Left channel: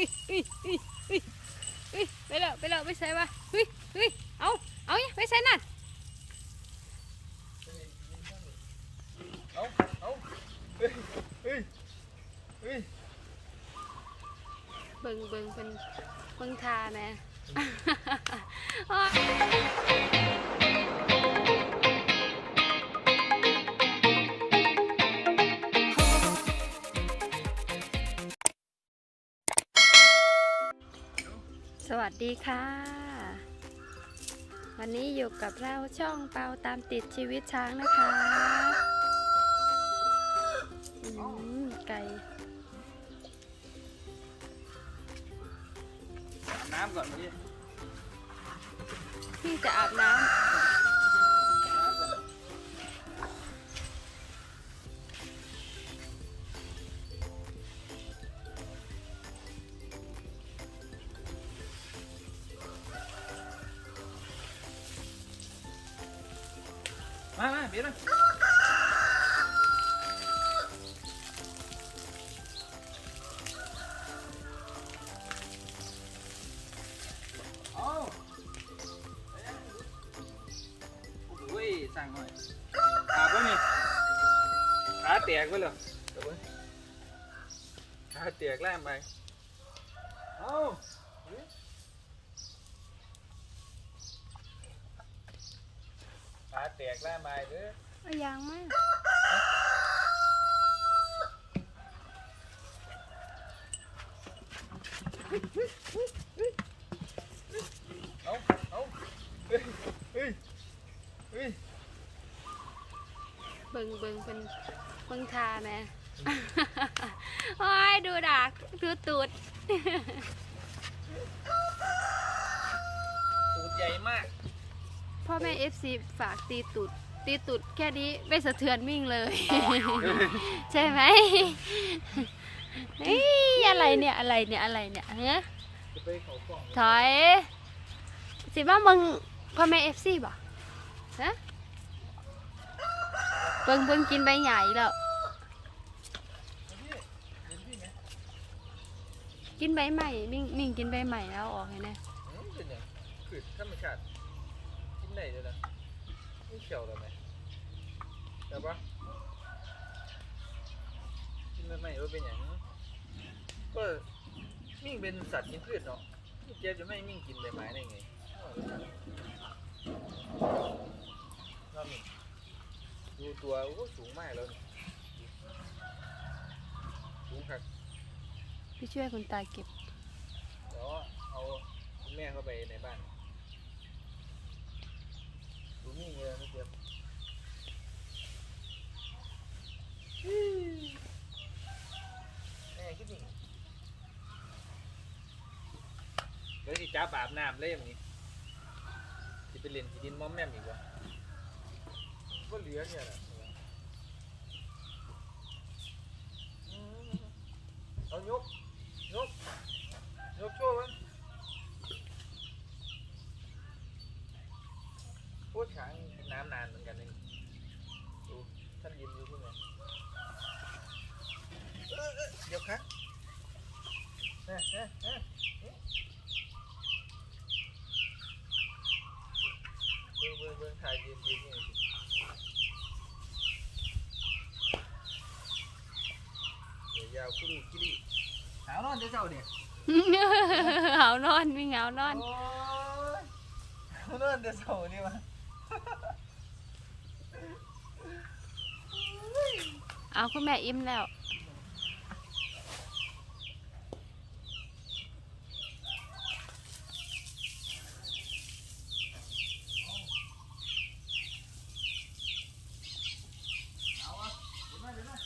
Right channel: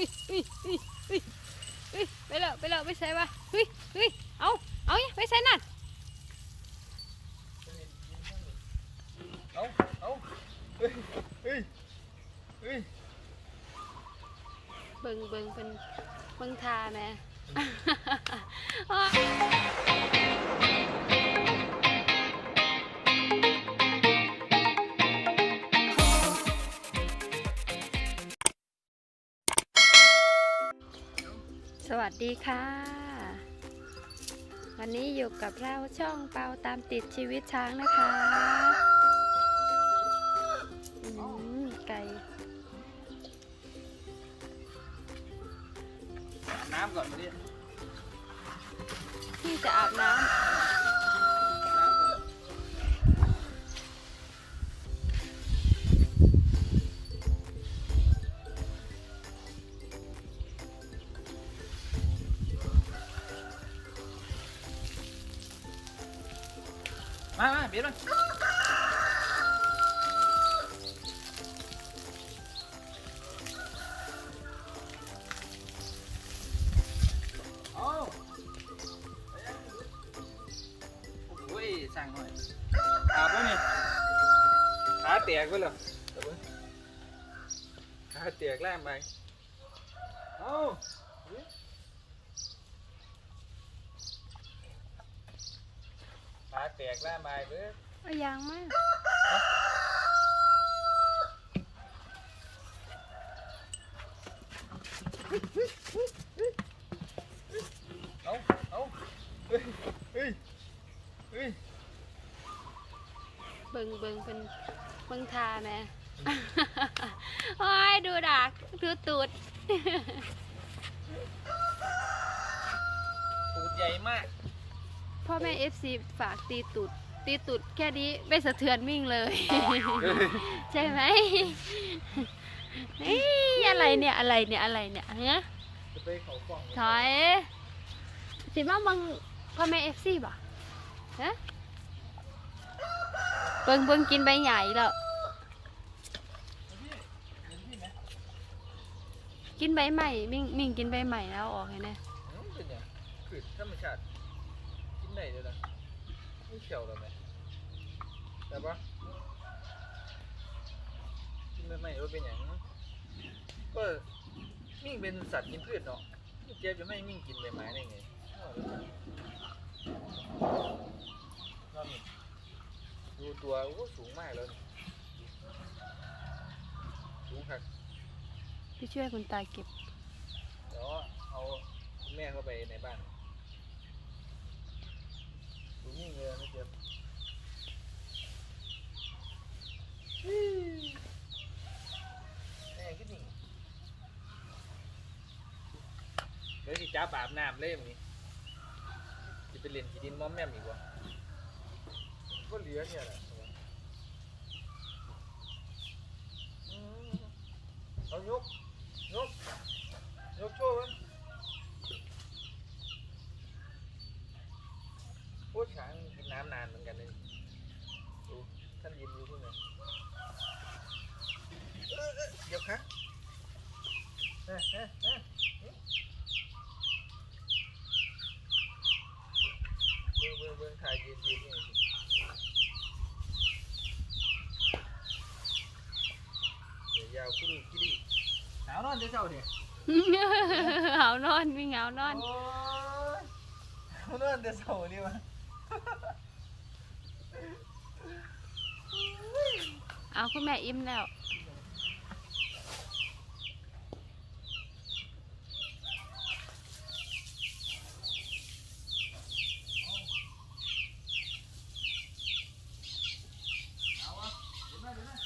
ฮ้ยเฮ้ยเฮ้ยเฮ้ยเฮ้ยไปแล้วไปแล้วไปใส่ปะเฮ้ยเฮ้ยเอาเอาเนี่ยไปใส่นั่นเอาเอาเฮ้ยเฮ้ยเฮ้ยเบิ่งเบิ่งเป็นเบิ่งทาแม่ สวัสดีค่ะ วันนี้อยู่กับเราช่องเปาตามติดชีวิตช้างนะคะอืมไก่น้ำก่อนดิที่จะอาบน้ำ ไปเหรอเดี๋ยวเบิ่งขาแตกแล่มไปเอาขาแตกแล่มไปเด้อเอายางมาเอาเอาเฮ้ย เฮ้ย เฮ้ย เบิ่งเบิ่งเป็น เบิ่งทาแหม่โอ้ยดูดักดูตูดตูดใหญ่มาก พ่อแม่เอฟซีฝากตีตูดตีตูดแค่นี้ไม่สะเทือนวิ่งเลย ใช่ไหมเฮ้ยอะไรเนี่ยอะไรเนี่ยอะไรเนี่ยเฮ้ยจะไปเขากล่องถอยสิมามึงพ่อแม่เอฟซีบ่ฮะเบิ่งเบิ่งกินใบใหญ่แล้ว กินใบใหม่มิ่งมิ่งกินใบใหม่แล้วออกไงนะอืมเป็นหยังคือธรรมชาติกินได้เลยนะไม่เขียวหรอไหมแต่ปะกินไม่ไม่ว่าเป็นอย่างก็มิ่งเป็นสัตว์กินพืชเนาะเจี๊ยบจะไม่มิ่งกินใบไม้ได้ไงรอบนี้ดูตัวโอ้สูงมากแล้วสูงครับ พี่ช่วยคุณตาเก็บ เดี๋ยวเอาคุณแม่เข้าไปในบ้านดูนี่เงยไม่เจ็บแม่คิดหนึ่งเดี๋ยวสิจ้าบอาบน้ำเล่มนี้จะไปเล่นที่ดินมอมแม่มอีกวะก็เหลือเนี่ยแหละอืมเอายกยก ยกโชว์มันพูดช้างกินน้ำนานเหมือนกันเลยดูท่านยิ้มดูที่ไหนเออเออเดี๋ยวครับเออเออเออเบิ่งเบิ่งเบิ่ง ถ่ายยืนยืนนี่สิเดี๋ยวยาวคุรุกิริหาวนอนเดี๋ยวเจ้าเดี๋ยวเหานอนมีเหงานอนโอ้ยเลื่อนแต่เสานี่มาเอาคุณแม่อิ่มแล้ว เอาวะเดี๋ยวมาเดี๋ยวมา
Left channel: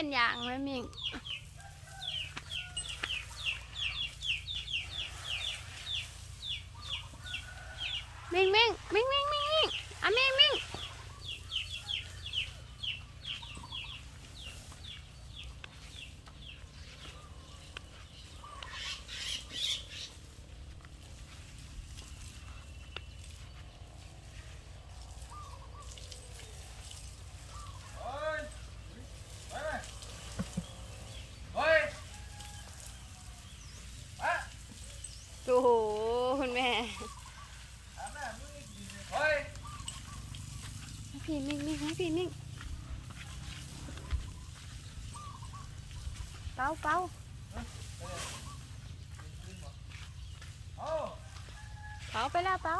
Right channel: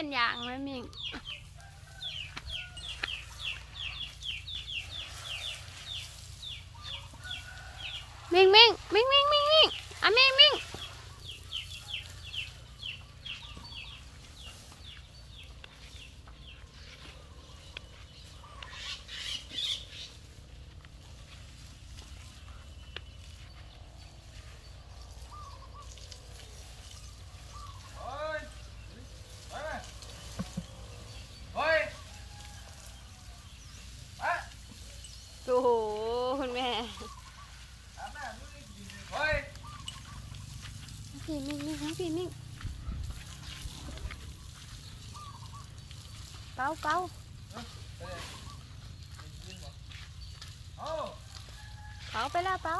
มิงมันอย่างไหมมิงมิงมิงมิงมิงมิงมิงอะมิงมิง พี่มิ่งมิ่งมา พี่มิ่งเปาเปาโอ้เปาไปแล้วเปล่า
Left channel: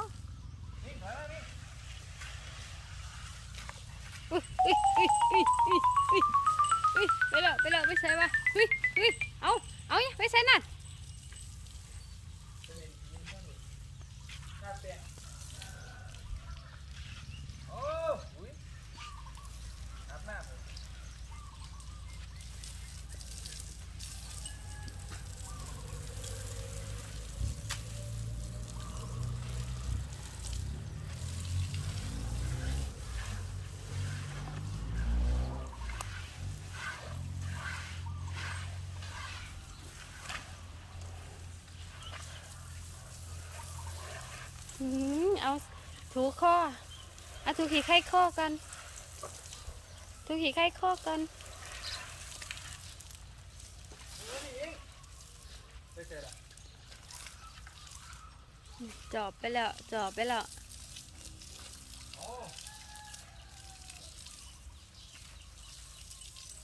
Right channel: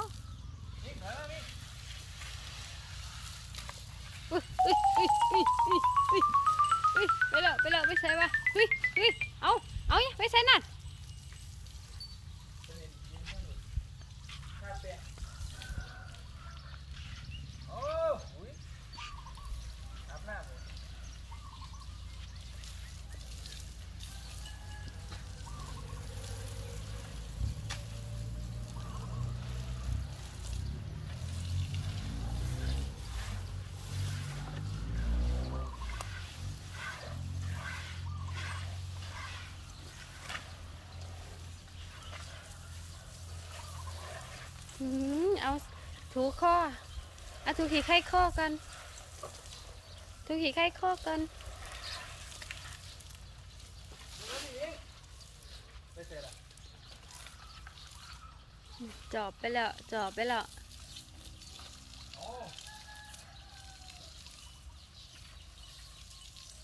ไปแล้วไปแล้วไปใส่วะอุ้ยอุ้ยเอาเอาเนี่ยไปใส่นั่นเห็นยินบ้างดิข้าแตะโอ้อุ้ยอาบน้ำเลย อืม เอาถูข้อเอาถูขี่ไข้ข้อกันถูขี่ไข้ข้อกันไปเสร็จละจอบไปแล้วจอบไปแล้วโอ้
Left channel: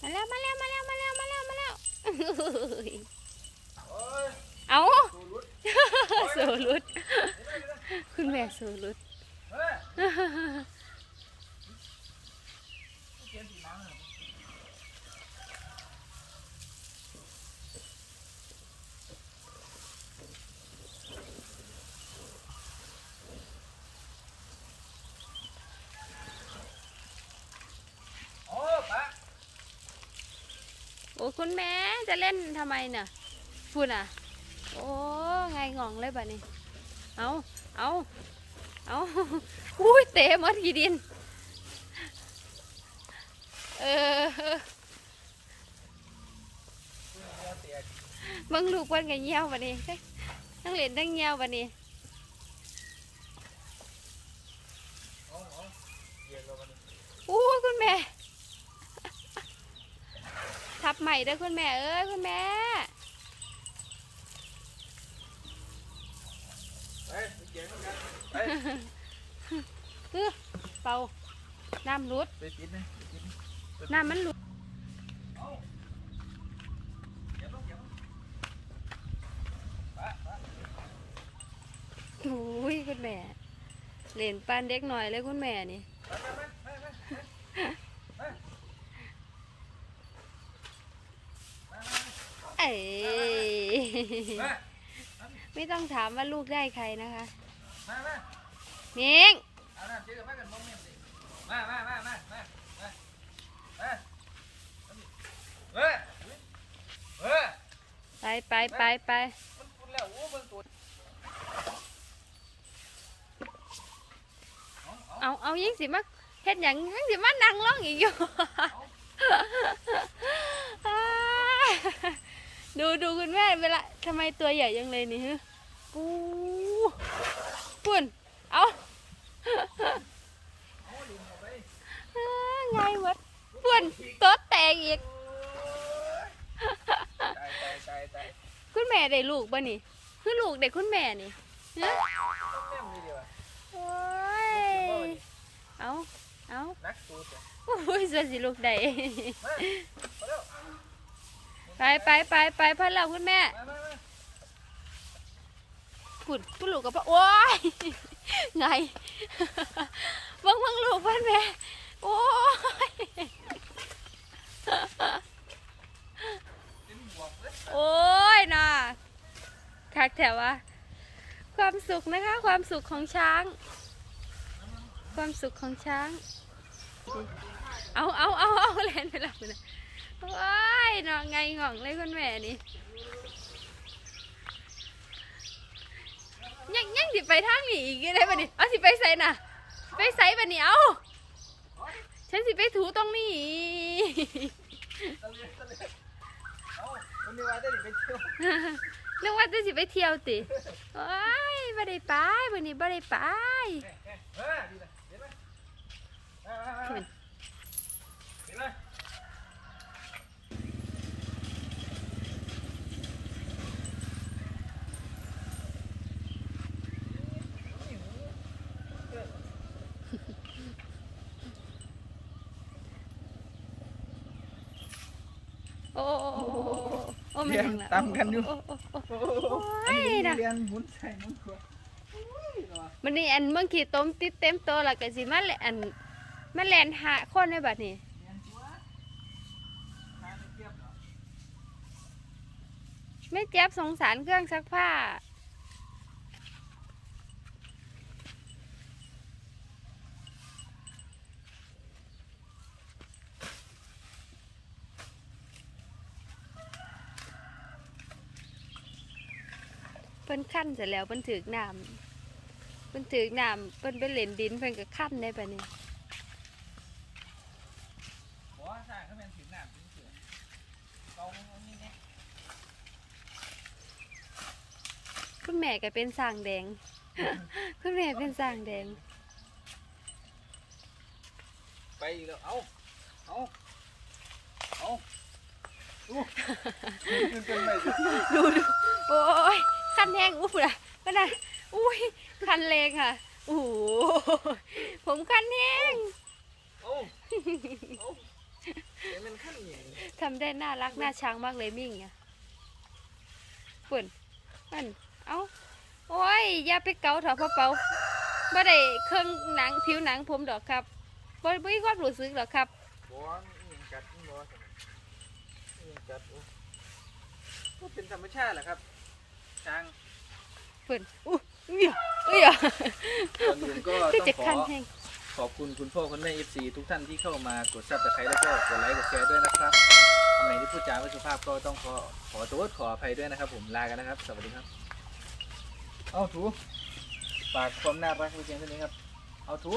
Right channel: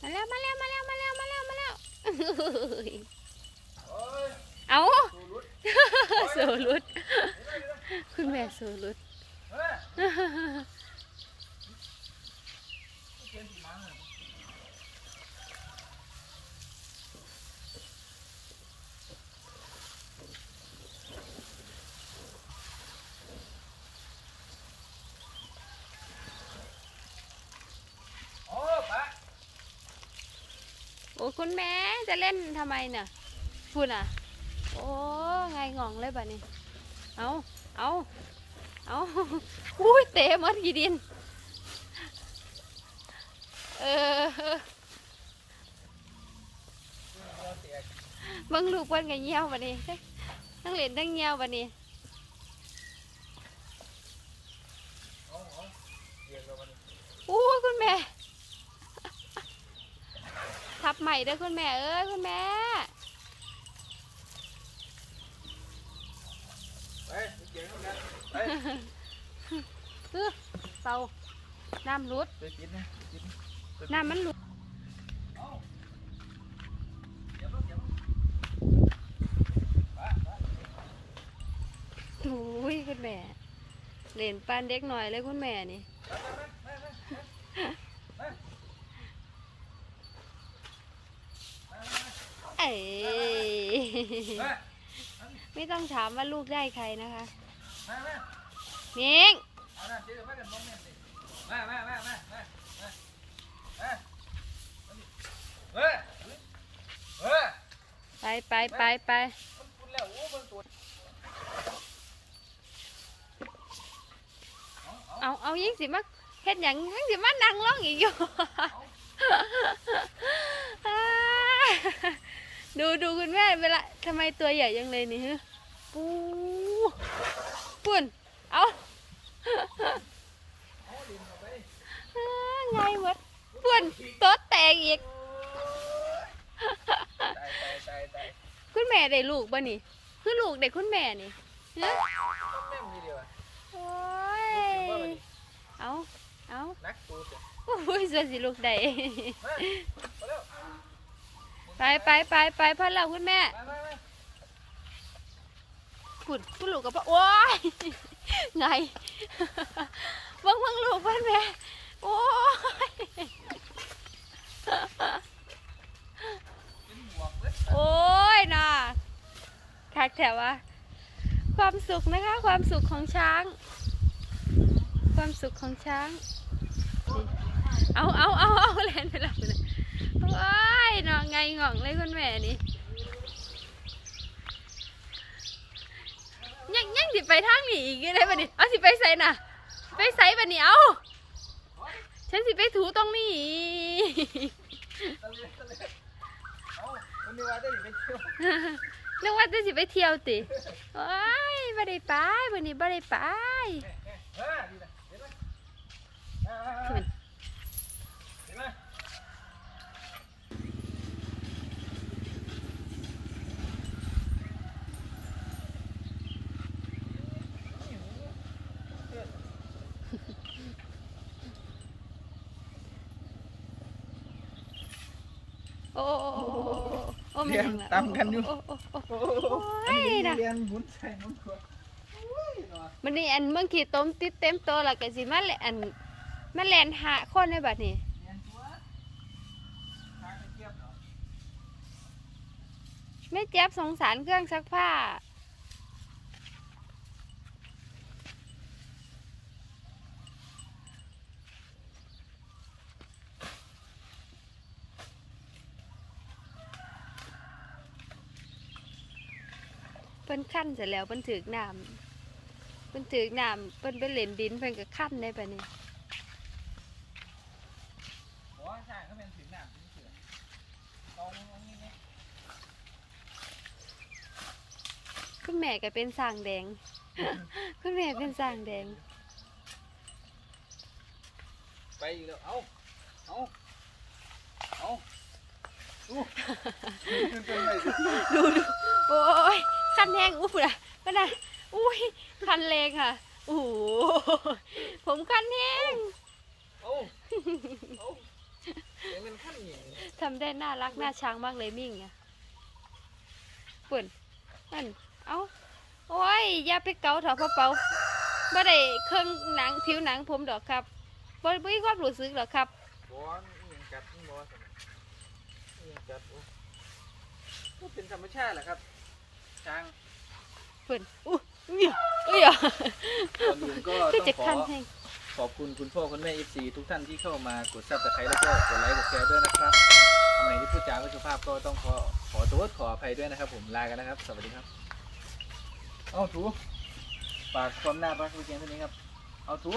มาแล้วมาแล้วมาแล้วมาแล้วมาแล้วมาแล้วโอ้ยเอาสูรุดโซลุด คุณแม่โซลุดเฮ้ยเขียนสีน้ำเหรอโอ้คุณแม่จะเล่นทำไมเนี่ยพูดอะ โอ้ไงงองเลยบ่นี้เอา เอาเอาอุ้ยเตะมดกี่ดิน เออเบิ่งลูกเพิ่นก็เหี่ยวบ่นี้ทั้งเล่นทั้งเหี่ยวบ่นี้เอาเอาเหยียบเรามันอู้คุณแม่ ทับใหม่เด้อคุณแม่เอ้ยคุณแม่ ไปไป เกี่ยวกันไปเป่าน้ำรุดไปปิดนะไปปิดนะน้ำมันรุดเอาเหยียบลงเหยียบลงปะปะโอ้ยคุณแม่เล่นปานเด็กหน่อยเลยคุณแม่นี่เอ้ ไปไม่ต้องถามว่าลูกได้ใครนะคะมามานิงเอาหน้าเจอมากันมองแม่สิมามามามามามาเอ้ยเฮ้ยเฮ้ยไปไปไปไปมันคุณแล้วโอ้เบิ่งตัวเอาเอาเอาเอายิงสิมาเฮ็ดหยังยิงสิมานั่งร้องอีกอยู่ ดูดูคุณแม่เวลาทำไมตัวใหญ่ยังเลยนี่ฮะ ปูปุ่นเอาเอาดินเข้าไปไงวะปุ่นตัวแตกอีกตายตายตายตายคุณแม่ได้ลูกบ่นี่คือลูกเด็กคุณแม่นี่ฮะแม่งมีเดียวโอ้ลูกถึงว่ามันยเอาเอานักตัวตัวโอ้ยส่วนสิลูกได้มาไปเร็วไปไปไปไปพ่อเราคุณแม่ มามามาปุ่นคุณลูกกับพ่อโอ้ยไงเบิ่งเบิ่งลูกเพิ่นแม่โอ้ยโอ้ยน่ะคักแถวะความสุขนะคะ ความสุขของช้าง ความสุขของช้าง เอาเอาเอาเอาแลนไปหลับเลยว้ยน่ะไงงองเลยคุณแม่นี่ ยังยังสิไปทางนี้อีกได้ปะนี่เอาสิไปใส่น่ะ ไปใส่ปะนี่เอาฉันสิไปถูตรงนี้นึกว่าจะสิไปเที่ยวติว้ายบ่ได้ไปวันนี้บ่ได้ไป เฮ้ยดีนะเห็นไหมมามามามาเห็นไหม โอ้โอ้โอ้โอ้โอ้โอ้ไม่เรียนถึงละตามกันอยู่โอ้โอ้โอ้โอ้โอ้ยนะเรียนหมุนใส่น้ำตัวมันนี่อันเมื่อกี้ต้มติดเต็มตัวแล้วก็สิมาแลอันมาแลนหาคนในบัดนี้เรียนตัวหาเทียบหน่อยไม่เจ็บสงสารเครื่องซักผ้า เพิ่นขั้นเสร็จแล้วเพิ่นถือกน้ำเพิ่นถือกน้ำเพิ่นไปเล่นดินเพิ่นก็ขั้นได้ปะนี่บอกว่าสร้างเขาเป็นถึงน้ำถึงเสือเอาเอานี่เนี่ยคุณแม่ก็เป็นสร้างแดง คุณแม่เป็นสร้างแดง ไปอีกแล้วเอาเอาเอาดูมันเป็นไงสิดูดูโอ้ย คันแห้งอุ๊บนะก็นะอุ้ยคันแรงค่ะโอ้โหผมคันแห้งเอาเอาเดี๋ยวมันขั้นอย่างนี้ทำได้น่ารักน่าชังมากเลยมิ่งอะปุ่นมันเอาโอ้ยอย่าไปเกาเถอะพ่อเปาบ่ได้เครื่องหนังผิวหนังผมดอกครับบ่บ่มีความรู้สึกหรอกครับบอลอิหยังกัดนี่บอสนะอิหยังกัดโอ้ก็เป็นธรรมชาติแหละครับ ช้างปุ่นอู้อุ้ยอุ้ยอะก่อนอื่นก็คือต้จะองขคัอนแห้งขอบคุณคุณพ่อคุณแม่ FC ทุกท่านที่เข้ามากดซับสไครต์แล้วก็กดไลค์กดแชร์ด้วยนะครับคำไหนที่พูดจาไม่สุภาพก็ต้องขอขอโทษขออภัยด้วยนะครับ ผมลากันนะครับ สวัสดีครับ เอาถูฝากความน่ารักไว้เพียงเท่านี้ครับ เอาถู